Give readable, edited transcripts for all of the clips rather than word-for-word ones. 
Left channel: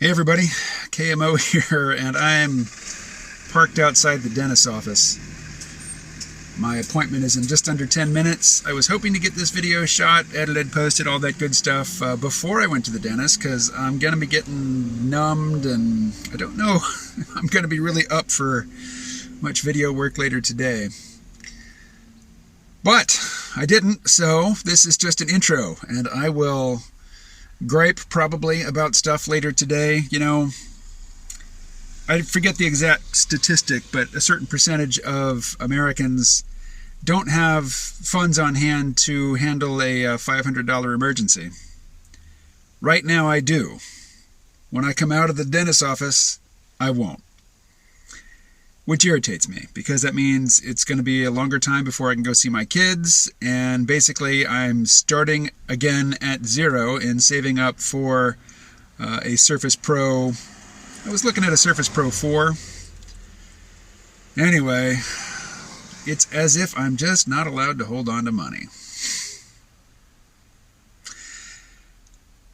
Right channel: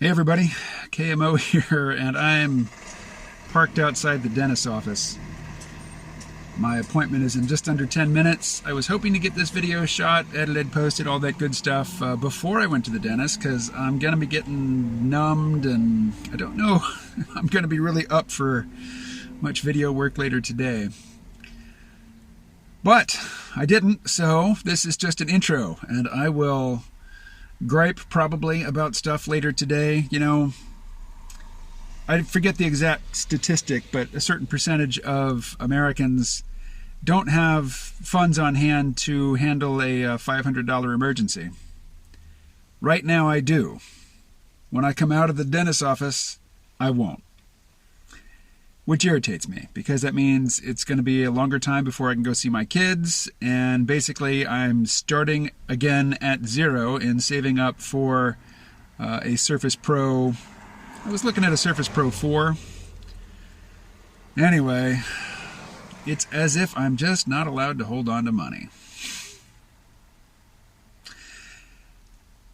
Hey everybody, KMO here, and I'm parked outside the dentist's office. My appointment is in just under 10 minutes. I was hoping to get this video shot, edited, posted, all that good stuff before I went to the dentist, because I'm going to be getting numbed and I don't know I'm going to be really up for much video work later today. But I didn't, so this is just an intro, and I will gripe probably about stuff later today. You know, I forget the exact statistic, but a certain percentage of Americans don't have funds on hand to handle a $500 emergency. Right now I do. When I come out of the dentist's office, I won't. Which irritates me, because that means it's going to be a longer time before I can go see my kids, and basically I'm starting again at zero and saving up for a Surface Pro. I was looking at a Surface Pro 4. Anyway, it's as if I'm just not allowed to hold on to money.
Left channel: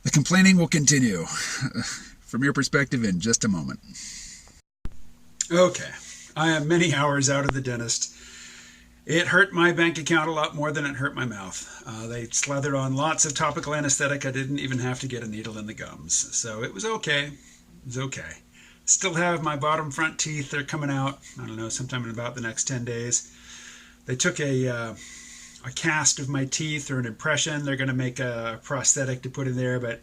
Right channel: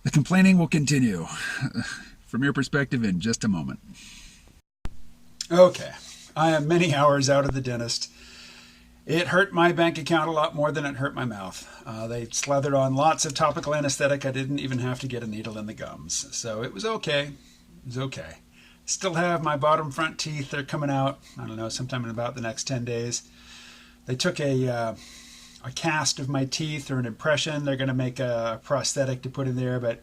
The complaining will continue from your perspective in just a moment. Okay. I am many hours out of the dentist. It hurt my bank account a lot more than it hurt my mouth. They slathered on lots of topical anesthetic. I didn't even have to get a needle in the gums. So it was okay. It was okay. Still have my bottom front teeth. They're coming out, I don't know, sometime in about the next 10 days. They took a cast of my teeth, or an impression. They're going to make a prosthetic to put in there, but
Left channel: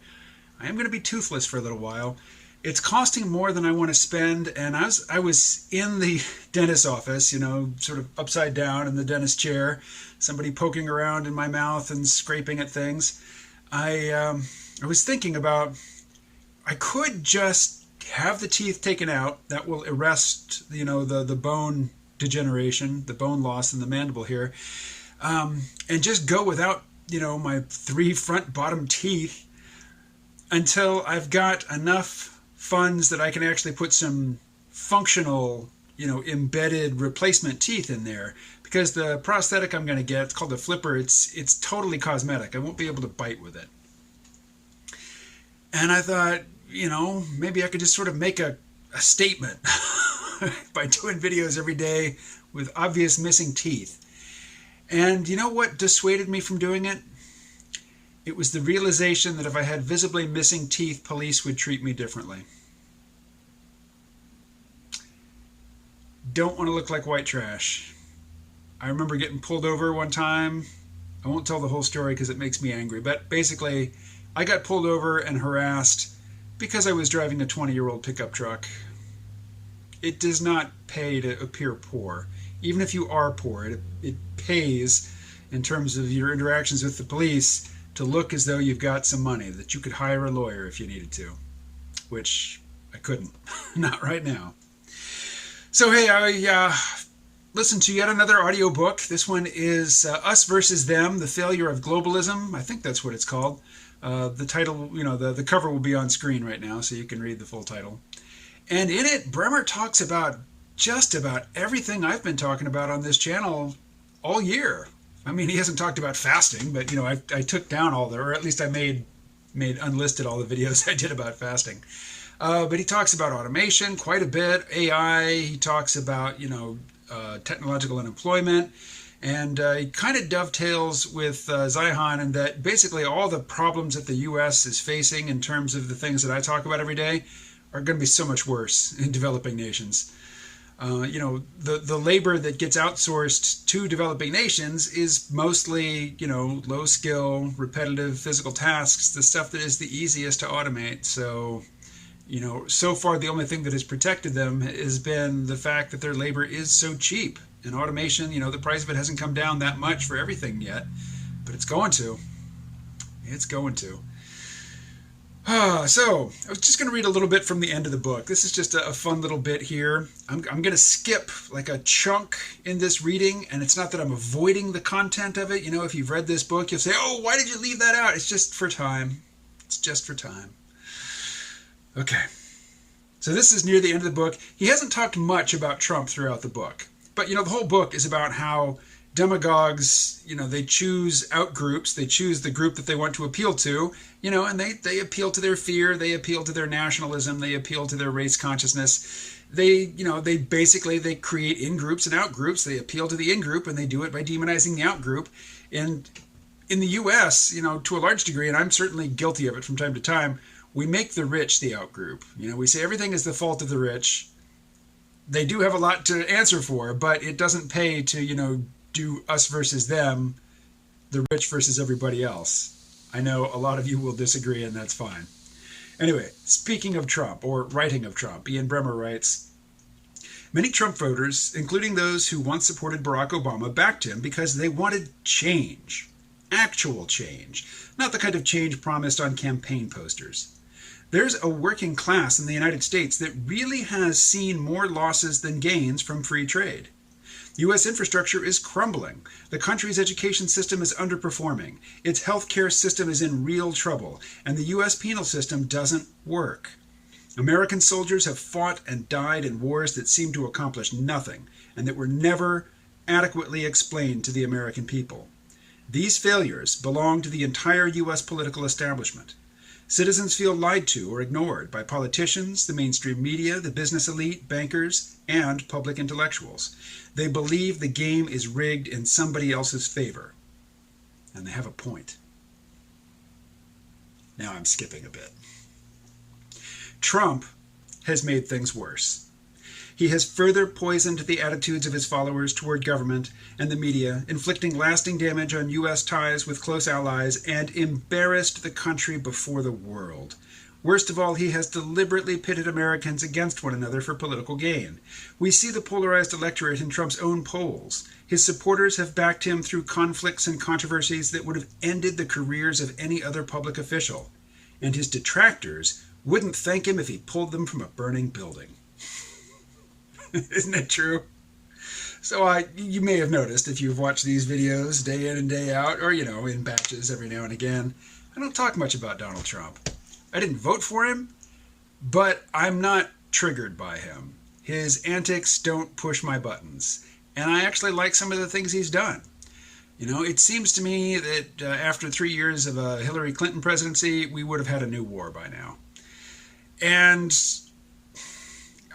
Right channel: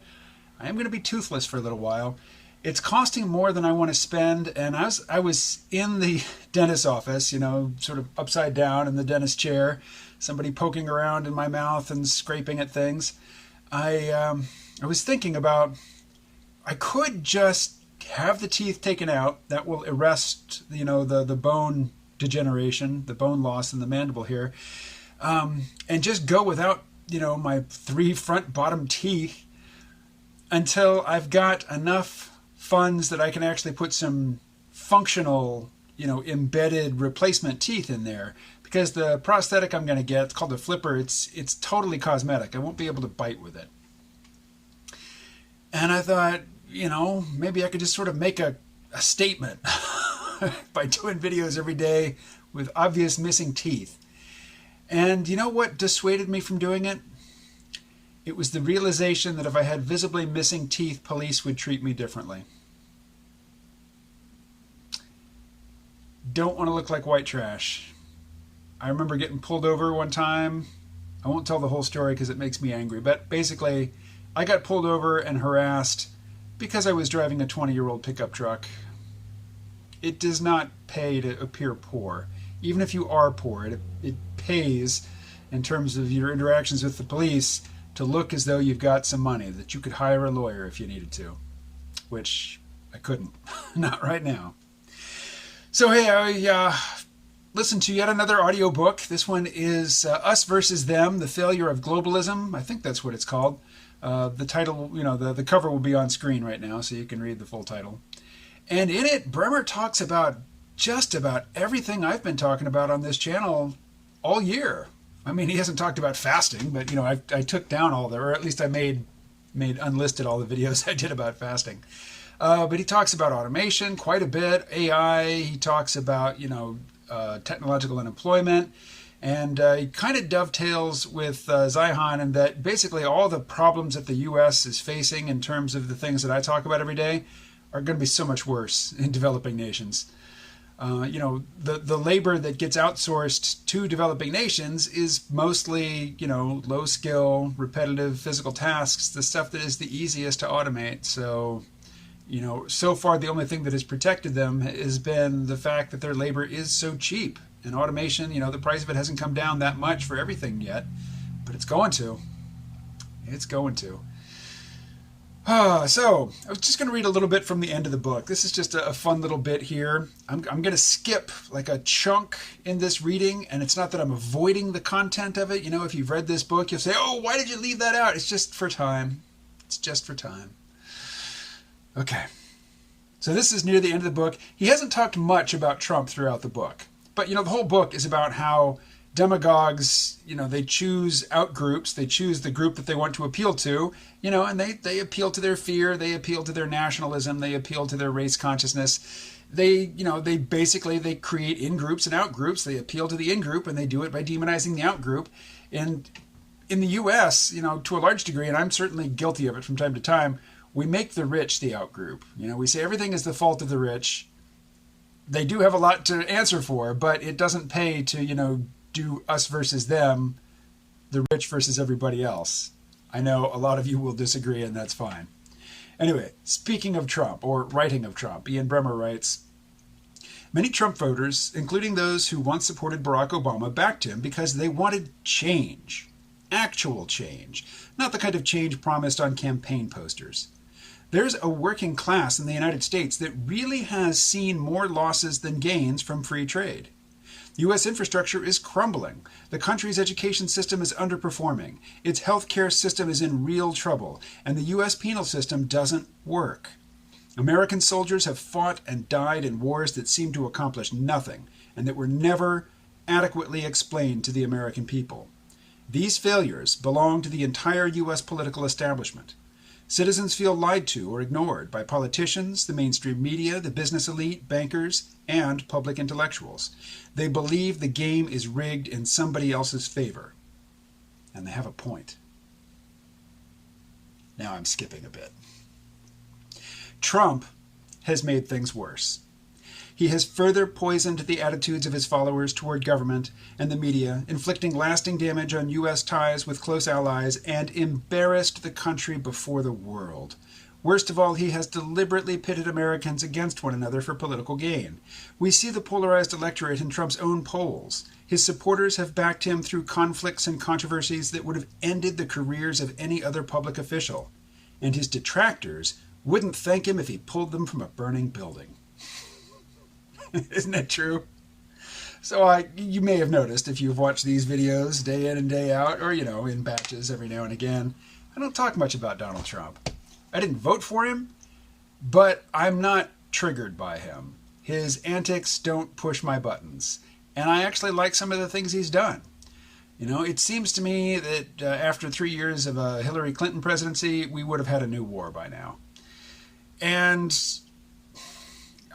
I am going to be toothless for a little while. It's costing more than I want to spend, and I was in the dentist's office, you know, sort of upside down in the dentist chair, somebody poking around in my mouth and scraping at things. I was thinking about, I could just have the teeth taken out. That will arrest, you know, the bone degeneration, the bone loss in the mandible here, and just go without, you know, my 3 front bottom teeth until I've got enough funds that I can actually put some functional, you know, embedded replacement teeth in there. Because the prosthetic I'm going to get, it's called a flipper, it's totally cosmetic. I won't be able to bite with it. And I thought, you know, maybe I could just sort of make a statement by doing videos every day with obvious missing teeth. And you know what dissuaded me from doing it? It was the realization that if I had visibly missing teeth, police would treat me differently. Don't want to look like white trash. I remember getting pulled over one time. I won't tell the whole story because it makes me angry, but basically I got pulled over and harassed because I was driving a 20-year-old pickup truck. It does not pay to appear poor. Even if you are poor, it pays in terms of your interactions with the police to look as though you've got some money, that you could hire a lawyer if you needed to, which I couldn't. Not right now. So hey, I listened to yet another audiobook. This one is Us versus Them, The Failure of Globalism. I think that's what it's called. The title, you know, the cover will be on screen right now, so you can read the full title. And in it, Bremmer talks about just about everything I've been talking about on this channel all year. I mean, he hasn't talked about fasting, but, you know, I took down all the, or at least I made unlisted all the videos I did about fasting. But he talks about automation quite a bit, AI. He talks about, you know, technological unemployment. And he kind of dovetails with Zihan in that basically all the problems that the U.S. is facing in terms of the things that I talk about every day are going to be so much worse in developing nations. You know, the labor that gets outsourced to developing nations is mostly, you know, low skill, repetitive physical tasks, the stuff that is the easiest to automate. So, you know, so far the only thing that has protected them has been the fact that their labor is so cheap. And automation, you know, the price of it hasn't come down that much for everything yet, but it's going to. It's going to. So, I was just going to read a little bit from the end of the book. This is just a fun little bit here. I'm going to skip like a chunk in this reading, and it's not that I'm avoiding the content of it. You know, if you've read this book, you'll say, oh, why did you leave that out? It's just for time. It's just for time. Okay. So this is near the end of the book. He hasn't talked much about Trump throughout the book. But, you know, the whole book is about how demagogues, they choose out groups, they choose the group that they want to appeal to, and they appeal to their fear, they appeal to their nationalism, they appeal to their race consciousness. They basically, they create in-groups and out-groups. They appeal to the in-group, and they do it by demonizing the out-group. And in the U.S., to a large degree, and I'm certainly guilty of it from time to time, we make the rich the out-group. We say everything is the fault of the rich. They do have a lot to answer for, but it doesn't pay to, do us versus them, the rich versus everybody else. I know a lot of you will disagree, and that's fine. Anyway, speaking of Trump, or writing of Trump, Ian Bremmer writes, many Trump voters, including those who once supported Barack Obama, backed him because they wanted change. Actual change. Not the kind of change promised on campaign posters. There's a working class in the United States that really has seen more losses than gains from free trade. U.S. infrastructure is crumbling. The country's education system is underperforming. Its healthcare system is in real trouble, and the U.S. penal system doesn't work. American soldiers have fought and died in wars that seem to accomplish nothing, and that were never adequately explained to the American people. These failures belong to the entire U.S. political establishment. Citizens feel lied to or ignored by politicians, the mainstream media, the business elite, bankers, and public intellectuals. They believe the game is rigged in somebody else's favor. And they have a point. Now I'm skipping a bit. Trump has made things worse. He has further poisoned the attitudes of his followers toward government and the media, inflicting lasting damage on U.S. ties with close allies, and embarrassed the country before the world. Worst of all, he has deliberately pitted Americans against one another for political gain. We see the polarized electorate in Trump's own polls. His supporters have backed him through conflicts and controversies that would have ended the careers of any other public official. And his detractors wouldn't thank him if he pulled them from a burning building. Isn't that true? So you may have noticed if you've watched these videos day in and day out, or, in batches every now and again, I don't talk much about Donald Trump. I didn't vote for him, but I'm not triggered by him. His antics don't push my buttons. And I actually like some of the things he's done. It seems to me that after 3 years of a Hillary Clinton presidency, we would have had a new war by now. And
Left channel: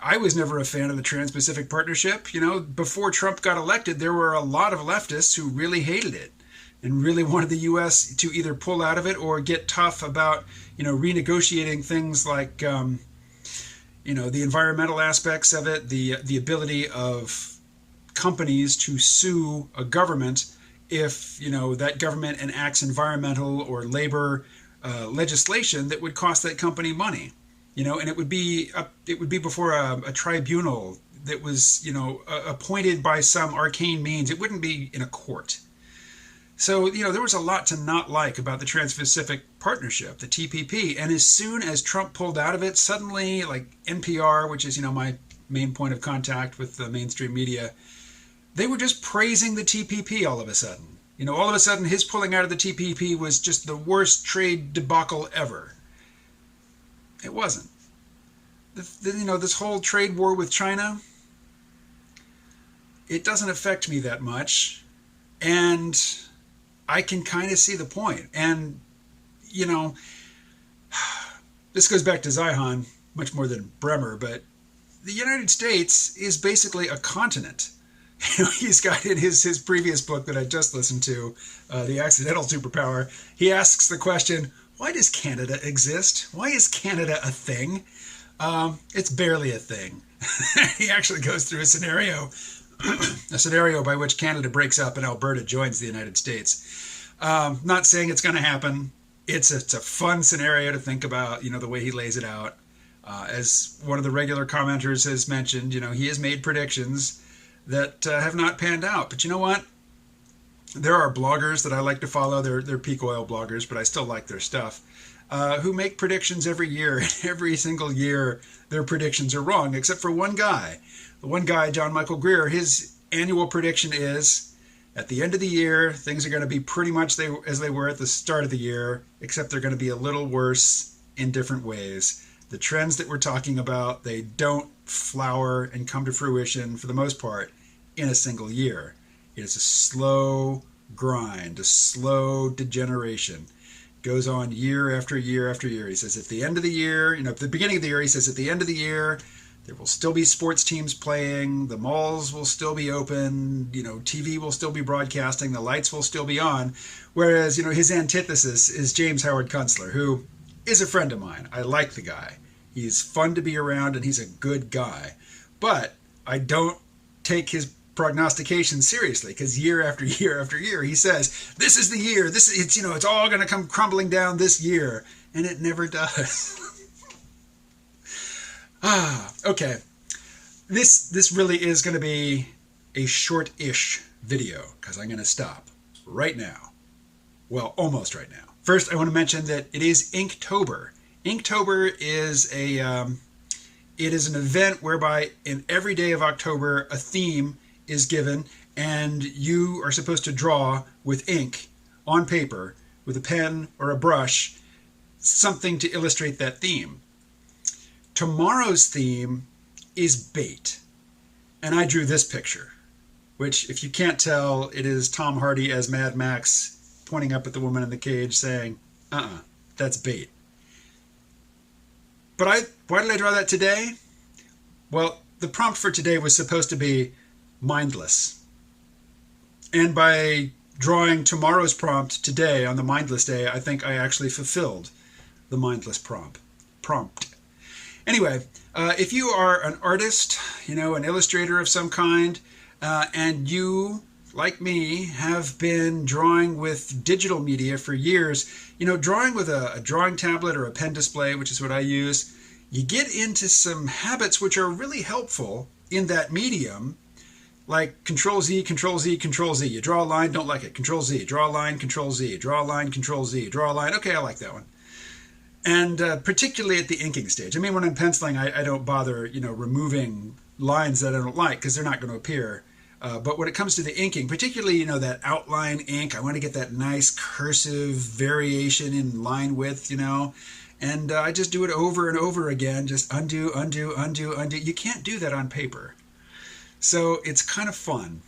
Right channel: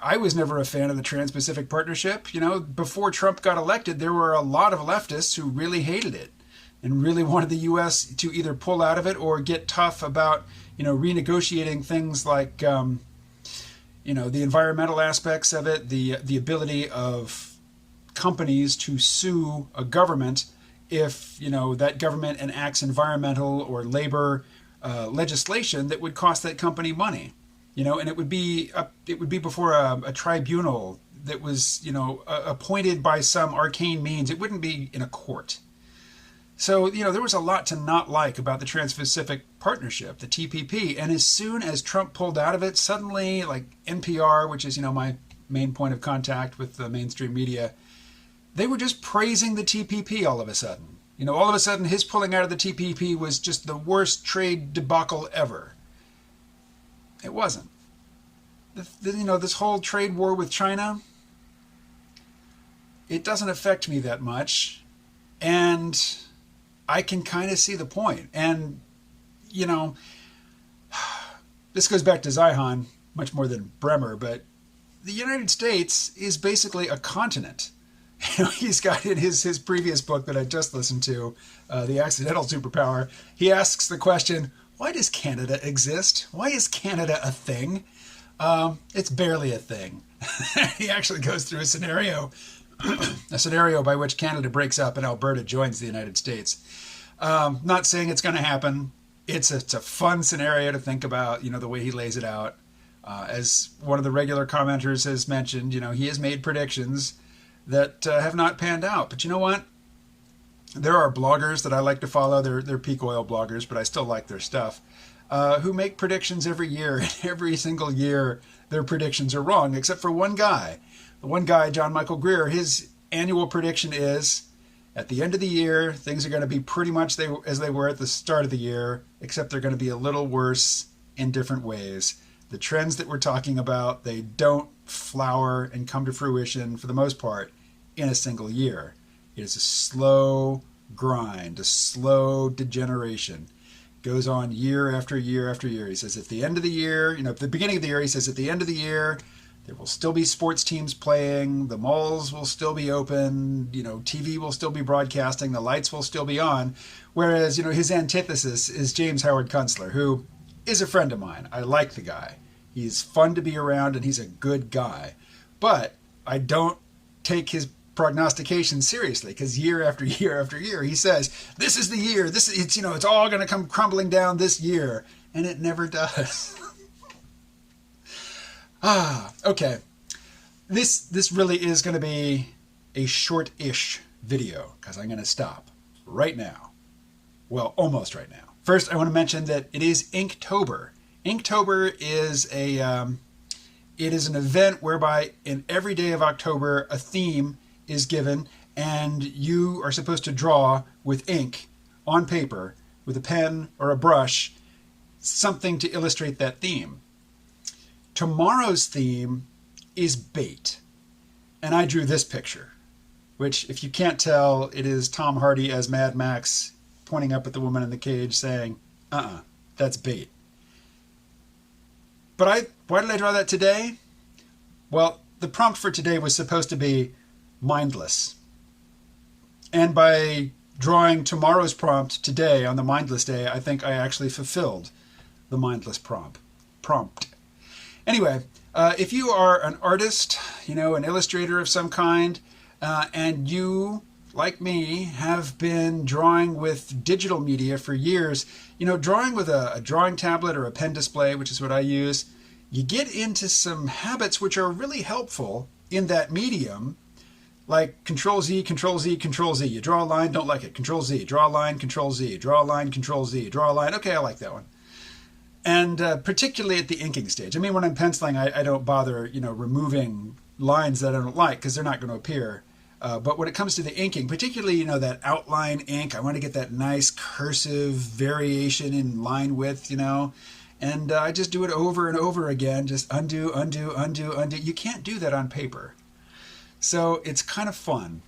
I was never a fan of the Trans-Pacific Partnership. Before Trump got elected, there were a lot of leftists who really hated it and really wanted the U.S. to either pull out of it or get tough about, renegotiating things like, the environmental aspects of it, the ability of companies to sue a government if, that government enacts environmental or labor legislation that would cost that company money. And it would be before a tribunal that was, appointed by some arcane means. It wouldn't be in a court. So, there was a lot to not like about the Trans-Pacific Partnership, the TPP. And as soon as Trump pulled out of it, suddenly, like NPR, which is, my main point of contact with the mainstream media, they were just praising the TPP all of a sudden. All of a sudden, his pulling out of the TPP was just the worst trade debacle ever. It wasn't. This whole trade war with China, it doesn't affect me that much. And I can kind of see the point. And, this goes back to Zihan much more than Bremmer, but the United States is basically a continent. He's got in his previous book that I just listened to, The Accidental Superpower, he asks the question, why does Canada exist? Why is Canada a thing? It's barely a thing. He actually goes through a scenario by which Canada breaks up and Alberta joins the United States. Not saying it's going to happen. It's a fun scenario to think about, the way he lays it out. As one of the regular commenters has mentioned, he has made predictions that have not panned out. But you know what? There are bloggers that I like to follow. They're peak oil bloggers, but I still like their stuff, who make predictions every year. And every single year, their predictions are wrong, except for one guy. The one guy, John Michael Greer, his annual prediction is, at the end of the year, things are going to be pretty much as they were at the start of the year, except they're going to be a little worse in different ways. The trends that we're talking about, they don't flower and come to fruition, for the most part, in a single year. It is a slow grind, a slow degeneration. Goes on year after year after year. He says at the end of the year, at the beginning of the year, he says at the end of the year, there will still be sports teams playing, the malls will still be open, TV will still be broadcasting, the lights will still be on. Whereas, his antithesis is James Howard Kunstler, who is a friend of mine. I like the guy. He's fun to be around and he's a good guy. But I don't take his prognostication seriously, because year after year after year he says this is the year, it's all going to come crumbling down this year, and it never does. Okay, this really is going to be a short-ish video, because I'm going to stop right now. Well, almost right now. First, I want to mention that it is Inktober. Inktober is an event whereby in every day of October a theme is given, and you are supposed to draw with ink on paper with a pen or a brush something to illustrate that theme. Tomorrow's theme is bait, and I drew this picture, which, if you can't tell, it is Tom Hardy as Mad Max pointing up at the woman in the cage saying, that's bait. But why did I draw that today? Well, the prompt for today was supposed to be mindless. And by drawing tomorrow's prompt today on the mindless day, I think I actually fulfilled the mindless prompt. Anyway, if you are an artist, an illustrator of some kind, and you, like me, have been drawing with digital media for years, drawing with a drawing tablet or a pen display, which is what I use, you get into some habits which are really helpful in that medium, like Control-Z, Control-Z, Control-Z. You draw a line, don't like it. Control-Z, draw a line, Control-Z, draw a line, Control-Z, draw a line. Okay, I like that one. And particularly at the inking stage. I mean, when I'm penciling, I don't bother, removing lines that I don't like, because they're not going to appear. But when it comes to the inking, particularly, that outline ink, I want to get that nice cursive variation in line width, and I just do it over and over again, just undo, undo, undo, undo. You can't do that on paper. So it's kind of fun.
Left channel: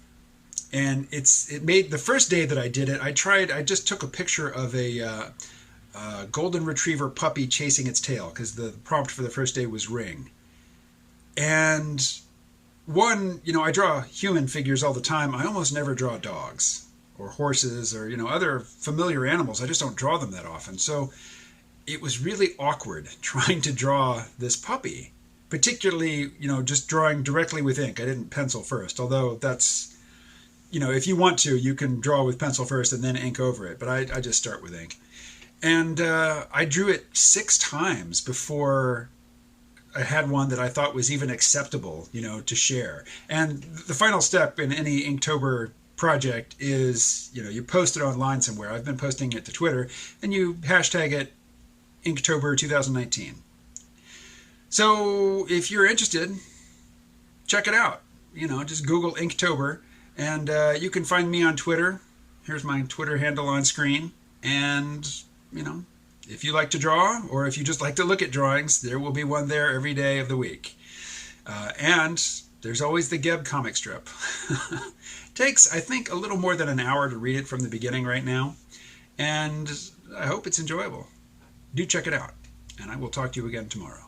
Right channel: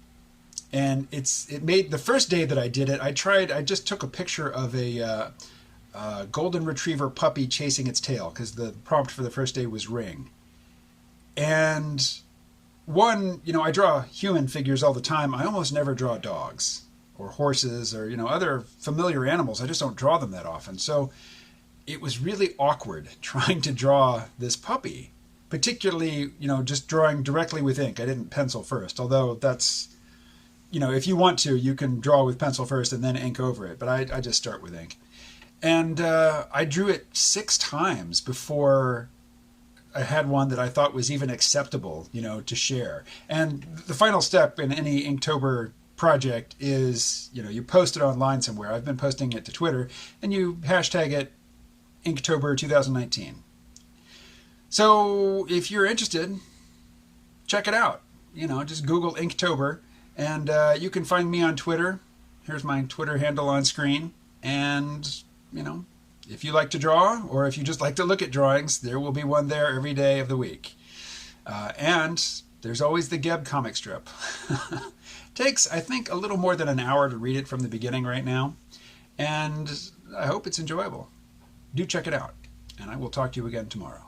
And it made the first day that I did it, I just took a picture of a golden retriever puppy chasing its tail, because the prompt for the first day was ring. And I draw human figures all the time. I almost never draw dogs or horses or, other familiar animals. I just don't draw them that often. So it was really awkward trying to draw this puppy, particularly, just drawing directly with ink. I didn't pencil first, although that's, if you want to, you can draw with pencil first and then ink over it. But I just start with ink. And I drew it 6 times before I had one that I thought was even acceptable, to share. And the final step in any Inktober project is, you post it online somewhere. I've been posting it to Twitter, and you hashtag it Inktober 2019. So if you're interested, check it out. Just Google Inktober, and you can find me on Twitter. Here's my Twitter handle on screen. And, if you like to draw, or if you just like to look at drawings, there will be one there every day of the week. And there's always the Geb comic strip. Takes, I think, a little more than an hour to read it from the beginning right now. And I hope it's enjoyable. Do check it out. And I will talk to you again tomorrow.